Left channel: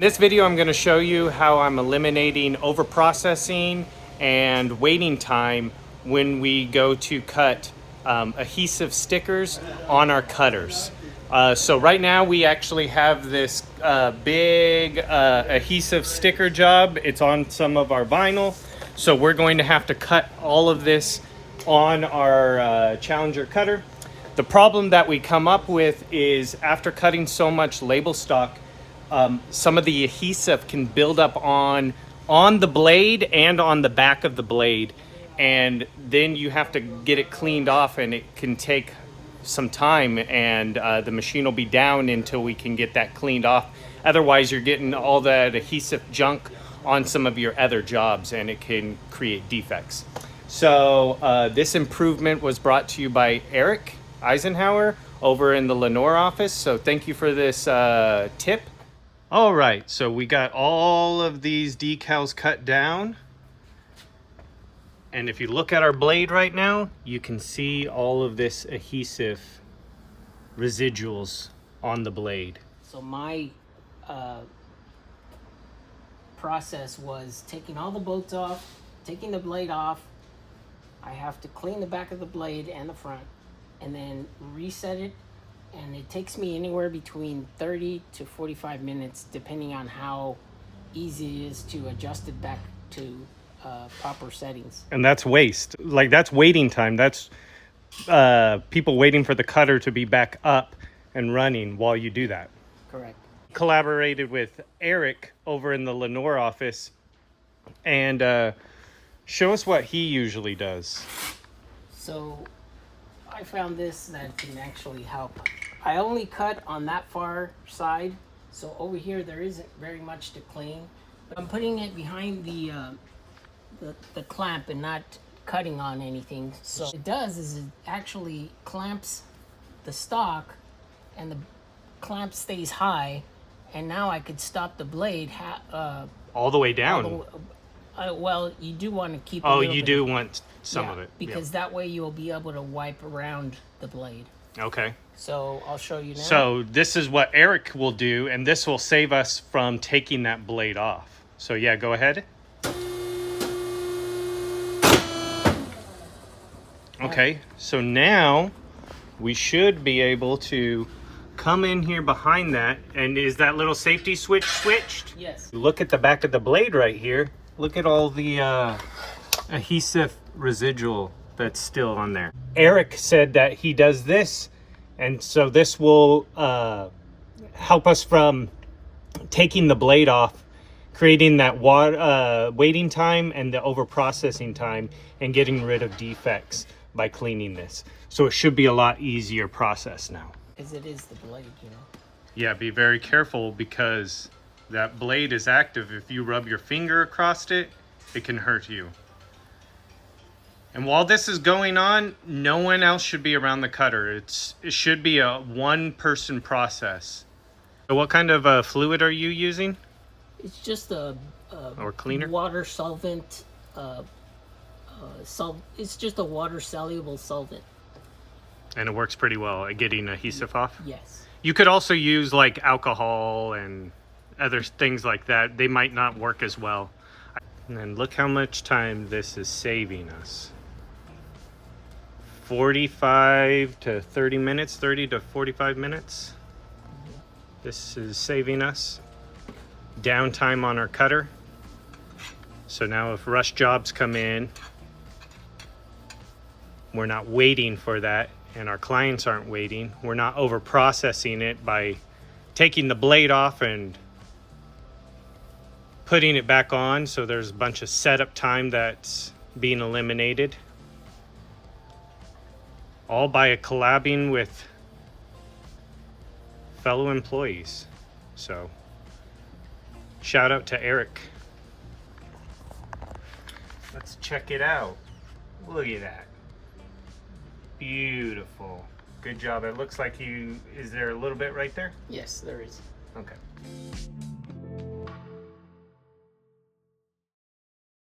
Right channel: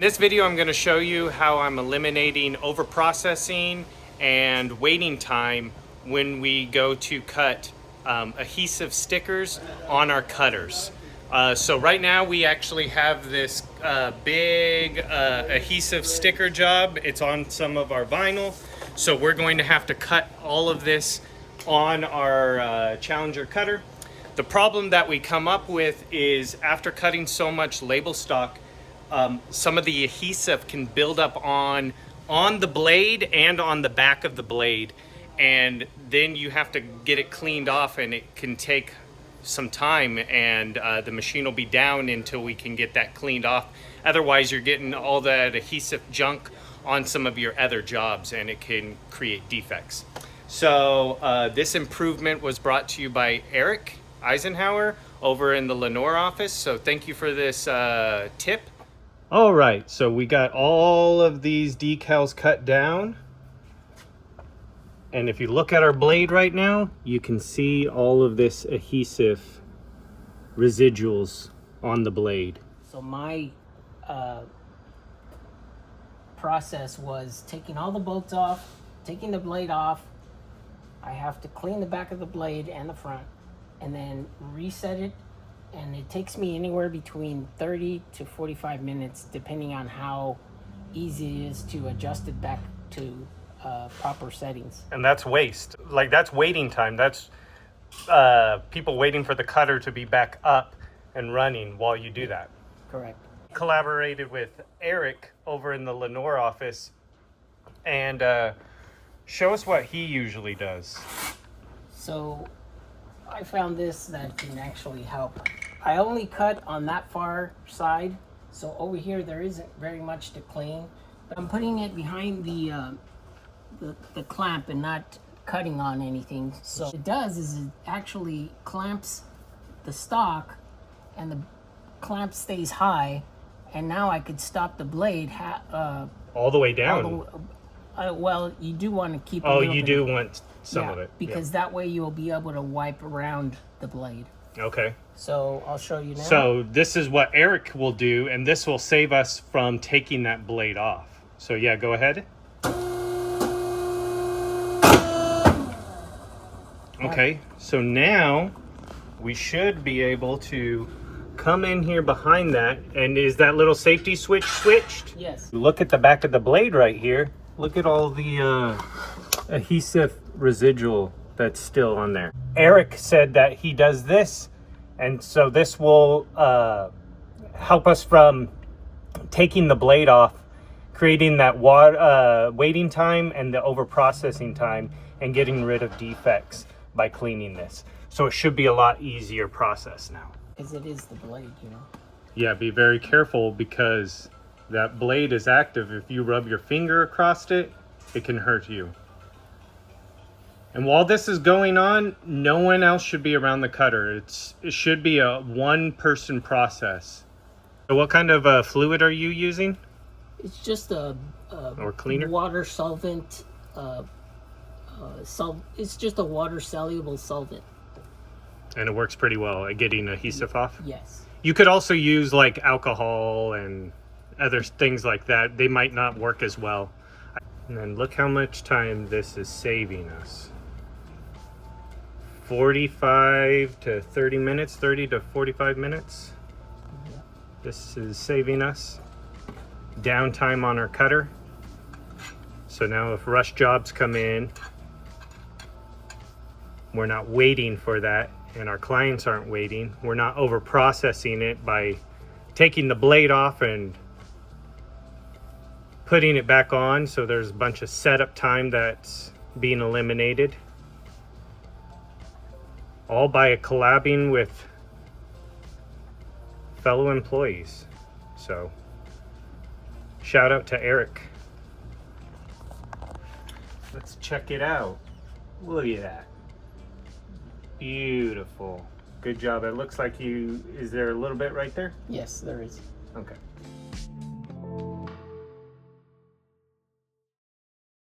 In this video, I'm going to show you how I'm eliminating overprocessing and waiting time when we go to cut adhesive stickers on our cutters. So right now we actually have this big adhesive sticker job. It's on some of our vinyl. So we're going to have to cut all of this on our Challenger cutter. The problem that we come up with is after cutting so much label stock, some of the adhesive can build up on the blade and on the back of the blade, and then you have to get it cleaned off, and it can take some time, and the machine will be down until we can get that cleaned off. Otherwise, you're getting all that adhesive junk on some of your other jobs, and it can create defects. So this improvement was brought to you by Eric Eisenhower over in the Lenore office. So thank you for this tip. All right, so we got all of these decals cut down. And if you look at our blade right now, you can see all of this adhesive residuals on the blade. So my process was taking all the bolts off, taking the blade off. I have to clean the back of the blade and the front, and then reset it. And it takes me anywhere between 30 to 45 minutes, depending on how easy it is to adjust it back to proper settings. And that's waste. Like, that's waiting time. That's people waiting for the cutter to be back up and running while you do that. Correct. Collaborated with Eric over in the Lenore office, and show us what he usually does. So I found this that can actually help. I only cut on that far side, so over here there isn't very much to clean. But I'm putting it behind the clamp and not cutting on anything. So what it does is it actually clamps the stock, and the clamp stays high, and now I could stop the blade all the way down. Well, you do want to keep. Oh, you do want some of it, because that way you'll be able to wipe around the blade. Okay. So I'll show you now. So this is what Eric will do, and this will save us from taking that blade off. So yeah, go ahead. Okay, so now we should be able to come in here behind that. And is that little safety switch switched? Yes. Look at the back of the blade right here. Look at all the adhesive residual that's still on there. Eric said that he does this, and so this will help us from taking the blade off, creating that waiting time and the over processing time, and getting rid of defects by cleaning this. So it should be a lot easier process now. Because it is the blade, you know. Yeah, be very careful, because that blade is active. If you rub your finger across it, it can hurt you. And while this is going on, no one else should be around the cutter. It should be a one-person process. So what kind of fluid are you using? It's just a or cleaner? Water solvent. It's just a water-soluble solvent. And it works pretty well at getting adhesive off? Yes. You could also use like alcohol and other things like that. They might not work as well. And then look how much time this is saving us. 45 to 30 minutes, 30 to 45 minutes. This is saving us downtime on our cutter. So now if rush jobs come in, we're not waiting for that, and our clients aren't waiting. We're not over processing it by taking the blade off and putting it back on. So there's a bunch of setup time that's being eliminated, all by collabing with fellow employees. So shout out to Eric. Let's check it out. Look at that. Beautiful. Good job. It looks like is there a little bit right there? Yes, there is. Okay.